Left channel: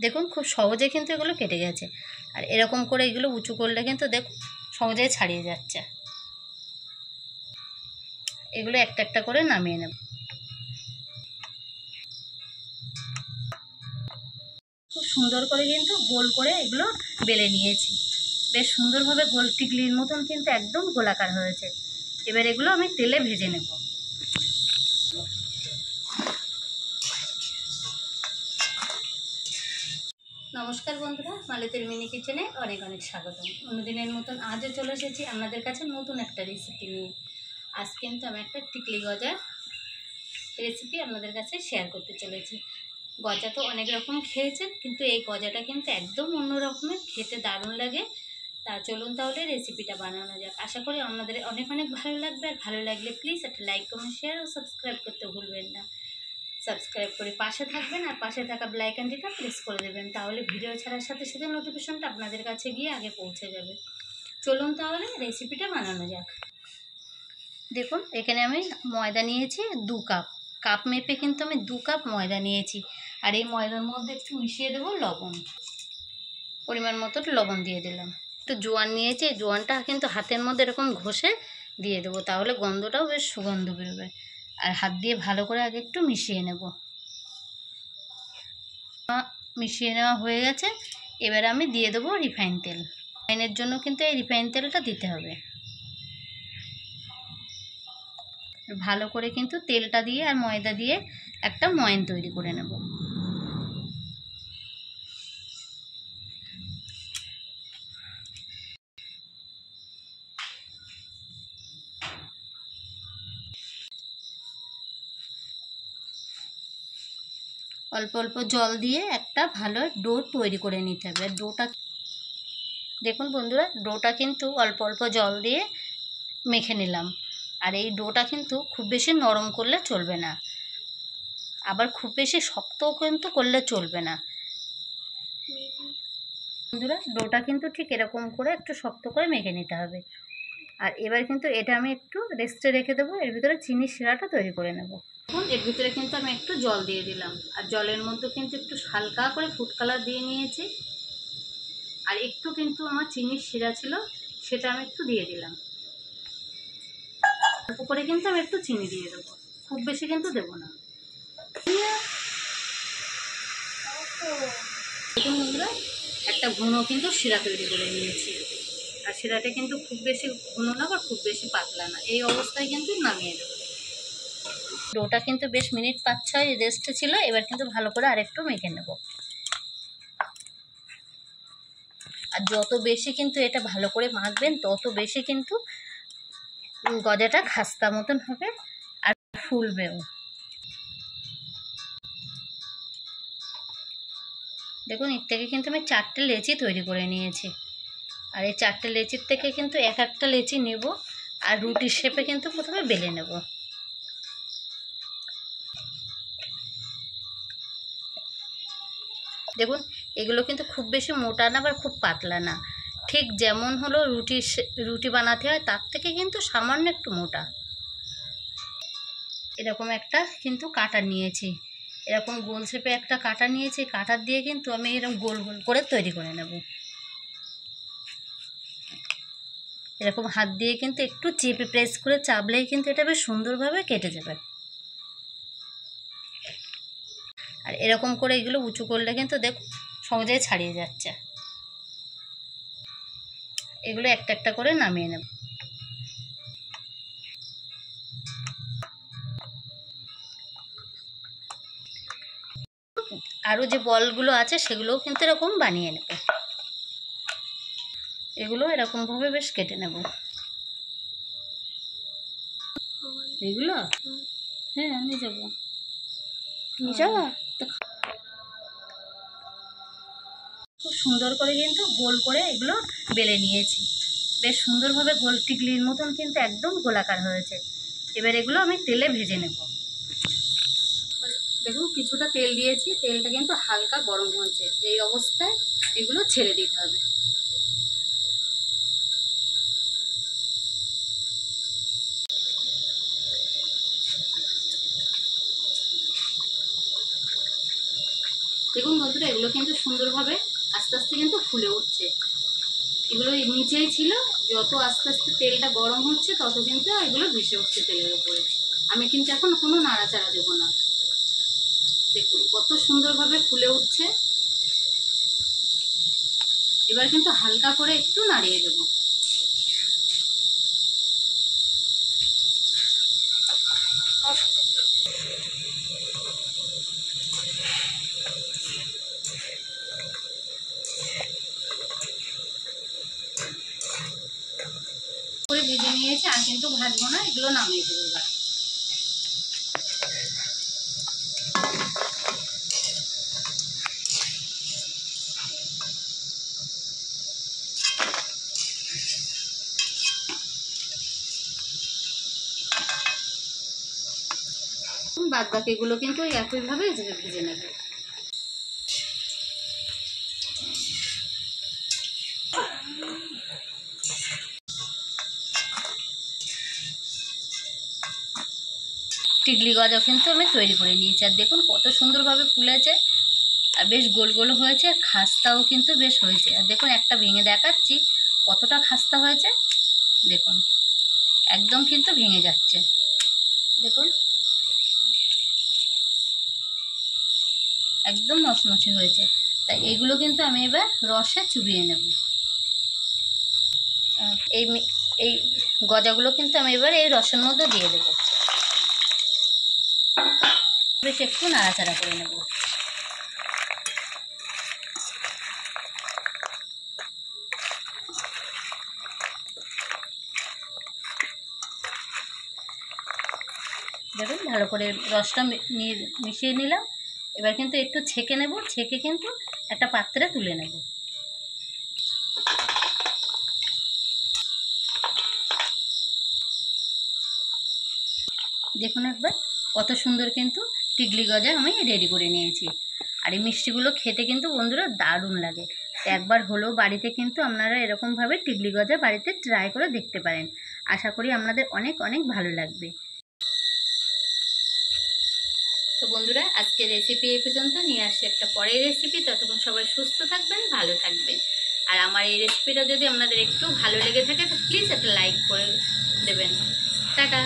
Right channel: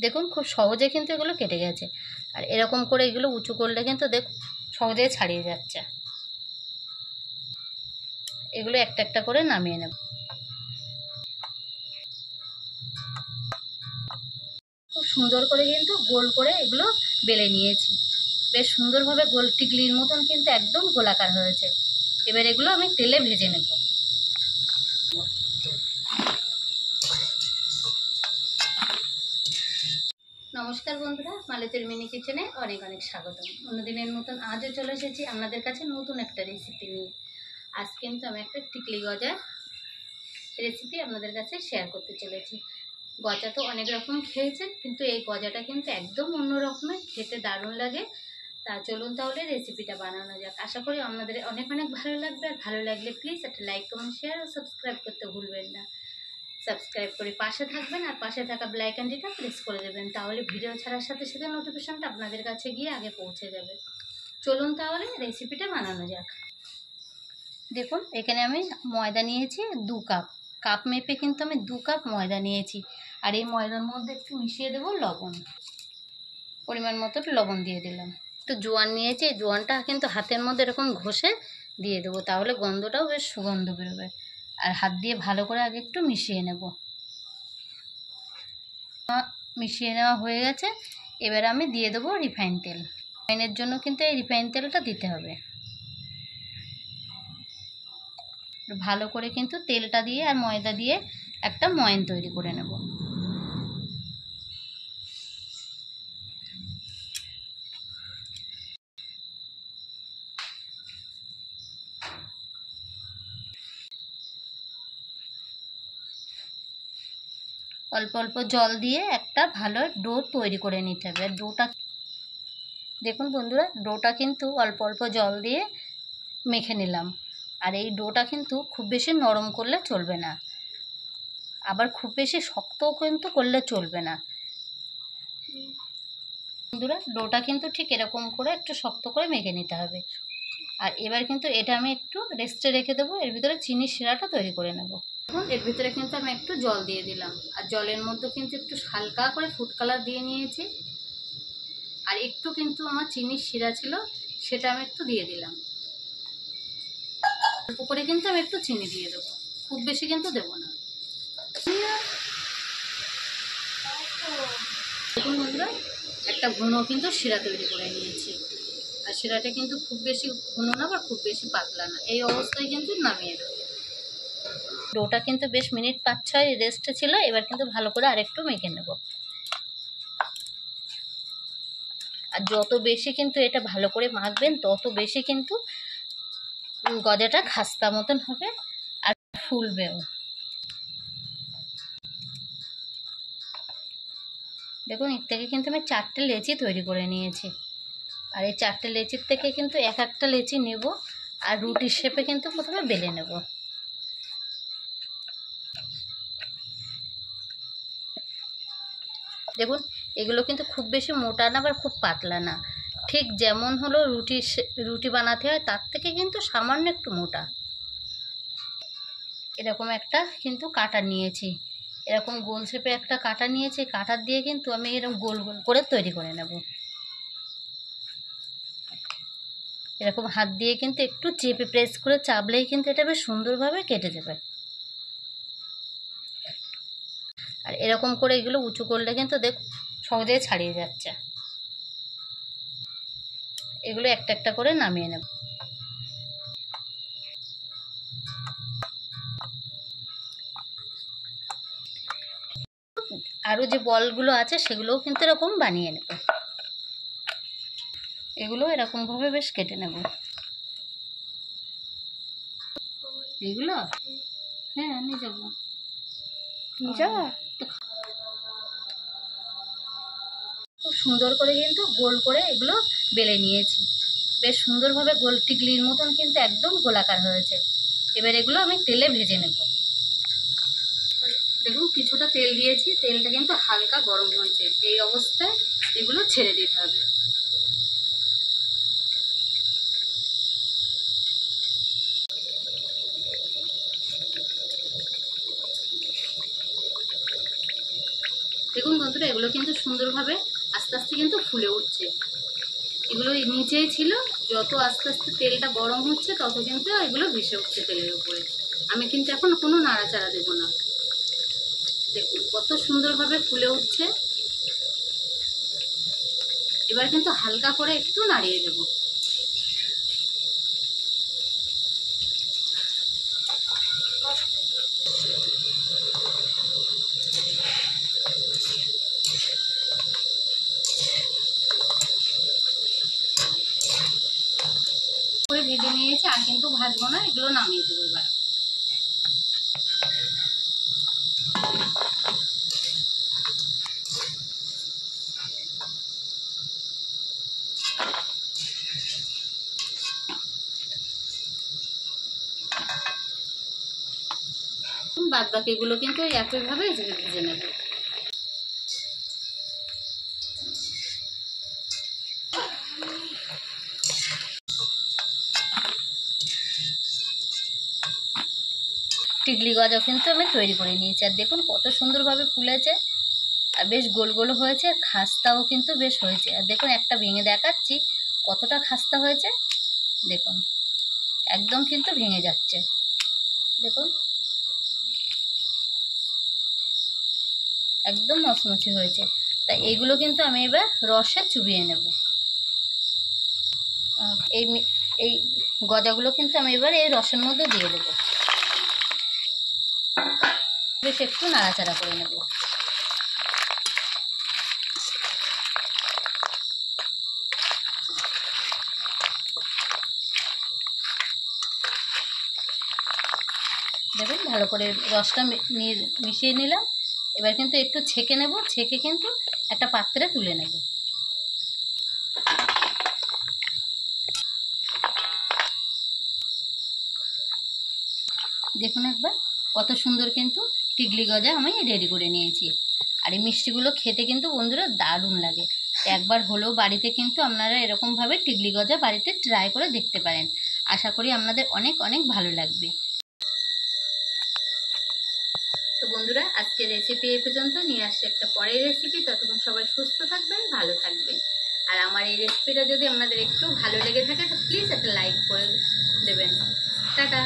দেখুন খুব সহজে কিন্তু এগুলো কেটে গেছে। আর এরকম করে এগুলো উঁচু করলে কিন্তু দেখুন সহজেই ছাড়িয়ে যাচ্ছে। এগুলো একটা একটা করে নামিয়ে নেব। খুব সুন্দর করে কিন্তু গোল করে এগুলো বেলে নিয়েছি। বেশ সুন্দরভাবে গোল টিকলির মতন কিন্তু একদম গোলাকার হয়েছে। এবার এগুলো আমি তেলে ভেজে নেব। নমস্কার বন্ধুরা, মালতীর মিনি কিচেনে অনেক অনেক স্বাগতম। অন্যদিনের মতন আজও চলে এসেছি আপনাদের কাছে নতুন একটা রেসিপি নিয়ে। আজ কিন্তু আমি একটা টিকলি গজার রেসিপি আপনাদের কাছে শেয়ার করতে চলেছি। গজা তো অনেক রকম খেয়েছেন, কিন্তু এই গজাটা কিন্তু একদম অন্য রকমের, খেতে দারুণ লাগে। তা চলুন তাহলে রেসিপিটা বানানো যাক। আশা করি আপনাদের অনেক অনেক ভালো লাগবে। আর ভালো লাগলে প্লিজ একটা লাইক, কমেন্ট, শেয়ার ও সাবস্ক্রাইব করতে ভুলবেন না। সাবস্ক্রাইব করে পাশে থাকবেন আর পাশে থাকা বেল আইকনটিটা প্রেস করে দেবেন, তাহলে ভিডিও ছাড়ার সাথে সাথে নোটিফিকেশনটা আপনাদের কাছে গিয়ে আগে পৌঁছে যাবে। চলুন তাহলে রেসিপিটা বানানো যাক। দেখুন এখানে আমি ময়দা নিয়েছি 2 কাপ। কাপ মেপে কিন্তু আমি 2 কাপ ময়দা নিয়েছি। আর এই ময়দার মধ্যে একটু মিশিয়ে দেবো লবণ। পরিমাণ মতো লবণ দিয়ে দিলাম। একটু জোয়ান নিয়েছি, জোয়ানটা কিন্তু হাতের মধ্যে এরকম ঘষে দিয়ে দেবো, তাহলে গন্ধটাও বেশ সুগন্ধ বেরোবে। আর হাত দিয়ে ভালো করে আগে একটু মিশিয়ে নেব। মিশিয়ে নেওয়া হয়ে গেছে। এবার আমি দিয়ে দেবো রিফাইন তেল। রিফাইনের জন্য কিন্তু এই রিফাইন তেলটা দিতে হবে। ভালো করে কিন্তু তেলটা দিয়ে আর ময়দা দিয়ে একটা ময়ান তৈরি করে নেব। অল্প অল্প জল দিয়ে একটা ভালো ডো তৈরি করে নিতে হবে। আর ডোটা দেখুন বন্ধুরা, ডোটা কিন্তু অল্প অল্প জল দিয়ে মেখে নিলাম। আর এই ডোটা কিন্তু খুব বেশি নরম করলে চলবে না, আবার খুব বেশি শক্তও কিন্তু করলে চলবে না। বন্ধুরা ডোটা কিন্তু ঠিক এরকম করে একটু শক্ত করে মেখে নিতে হবে। আর এবার কিন্তু এটা আমি একটু রেস্টে রেখে দেবো। এর ভিতরে চিনির শিরাটা তৈরি করে নেব। এখন এর ভিতরে কিন্তু আমি একটু জল দিয়ে দিলাম। আর জলের মধ্যে কিন্তু একটু হালকা করে ফুড কালার দিয়ে নিয়েছি। আর একটু কিন্তু আমার চিনির শিরা ছিল, সেটা আমি একটু দিয়ে দিলাম। অল্প করে কিন্তু আমি একটু চিনি দিয়ে দেবো, খুব বেশি কিন্তু দেবো না। দেখুন বন্ধুরা, একটা ঘন কিন্তু শিরা তৈরি করে নিয়েছি। আর শিরাটা কিন্তু খুব বেশি ঘন না বা খুব বেশি পাতলা না, এই অবস্থায় কিন্তু নামিয়ে দেবো। ডোটা কিন্তু বেশ মিনিট 5-6 রেস্টে ছিল। এবার কিন্তু ভালো করে আরেকটু মেখে নেব। আর যত বেশি কিন্তু এটা ভালো করে মাখবেন তত বেশি কিন্তু গজাটা খাস্তা মতন হবে আর ফুলবেও। দেখুন এর থেকে কিন্তু আমি 4টে লেচি তৈরি করে নিয়েছি। আর এই 4টে লেচির থেকে কিন্তু এক একটা লেচি নেব আর রুটির শেপে কিন্তু প্রথমে বেলে নেব। দেখুন এগুলো কিন্তু খুব বেশি মোটা না আবার খুব পাতলা না, ঠিক যেমন হলো রুটি বানাতে হয় তার থেকে কিন্তু সামান্য একটু মোটা। এরকম একটা কিন্তু কাঁটা নিয়েছি, এরকম গোল শেপে একটা কাঁটা নিয়েছি। কাঁটার দিয়ে কিন্তু আমি এরকম গোল গোল করে তৈরি করে নেব। এরকম হাত দিয়ে কিন্তু একটু চেপে প্রেস করে চাপলেই কিন্তু এটা বেশ সুন্দরভাবে কেটে যাবে। আর এরকম করে এগুলো উঁচু করলে কিন্তু দেখুন সহজেই ছাড়িয়ে যাচ্ছে। এগুলো একটা একটা করে নামিয়ে নেব। আরও যে বলগুলো আছে সেগুলোও কিন্তু এরকম বানিয়ে নেব। এগুলো এরকমভাবে বেশ কেটে নেব। এগুলো হ্যাঁ নিয়ে যাবো। খুব সুন্দর করে কিন্তু গোল করে এগুলো বেলে নিয়েছি। বেশ সুন্দরভাবে গোল টিকলির মতন কিন্তু একদম গোলাকার হয়েছে। এবার এগুলো আমি তেলে ভেজে নেব। দেখুন কিছুটা তেল দিয়েছি, তেলটা কিন্তু হালকা গরম হয়েছে। এই অবস্থায় এগুলো ছেড়ে দিতে হবে। দেখুন বন্ধুরা বন্ধুরা এগুলো কিন্তু সুন্দরভাবে আস্তে আস্তে কিন্তু ফুলে উঠছে। এগুলো নিচেই ছিল, যত আস্তে আস্তে তেলটা গরম হচ্ছে তত কিন্তু এগুলো ভেসে উঠছে তেলের উপরে। আমি কিন্তু এখন কোনো নাড়াচাড়া দেবো না। দেখুন কত সুন্দরভাবে ফুলে উঠছে। এবার কিন্তু হালকা করে একটু নাড়িয়ে দেবো। করে ভেজে নিয়েছি, আর কিন্তু ভাজবো না, এগুলো নামিয়ে দেবো এবার। বাদ বাকিগুলো কিন্তু একইভাবে ভেজে নেব। টিকলি গজা কিন্তু আমি তৈরি করে নিয়েছি, আর দেখুন কত সুন্দরভাবে ফুলেছে, আর বেশ গোল গোল হয়েছে, আর খাস্তাও কিন্তু বেশ হয়েছে। আর দেখুন একটা ভেঙে দেখাচ্ছি কতটা খাস্তা হয়েছে। দেখুন একদম কিন্তু ভেঙে যাচ্ছে, দেখুন একদম মচমচে হয়েছে। তাই এইগুলো কিন্তু আমি এবার রসে চুবিয়ে নেব। এই গজাগুলো কিন্তু আমি এবার এই রসের মধ্যে দিয়ে দেবো। বেশ একটু নাড়াচাড়া করে নেব। দেখুন ভালো করে রসটা মিশিয়ে নিলাম। এবার কিন্তু একটু ছেঁকে নেব, ছেঁকে কিন্তু একটা পাত্রে তুলে নেব। দেখুন একবার কত সুন্দর কিন্তু টিকলি গজা আমি রেডি করে নিয়েছি। আর এই মিষ্টিগুলো খেতে কিন্তু বন্ধুরা দারুণ লাগে। তো একবার হলেও বাড়িতে কিন্তু আপনারা এরকমভাবে টিকলি গজা বাড়িতে ট্রাই করে দেখতে পারেন। আশা করি আপনাদের অনেক অনেক ভালো লাগবে। তো বন্ধুরা আজকের রেসিপি এই পর্যন্ত, নিয়ে আসছি একটা পরের রেসিপি। ততক্ষণ সবাই সুস্থ থাকবেন, ভালো থাকবেন। আর আমার এই রেসিপিটা যদি আপনাদের একটু ভালো লেগে থাকে তো প্লিজ একটা লাইক করে দেবেন। টাটা।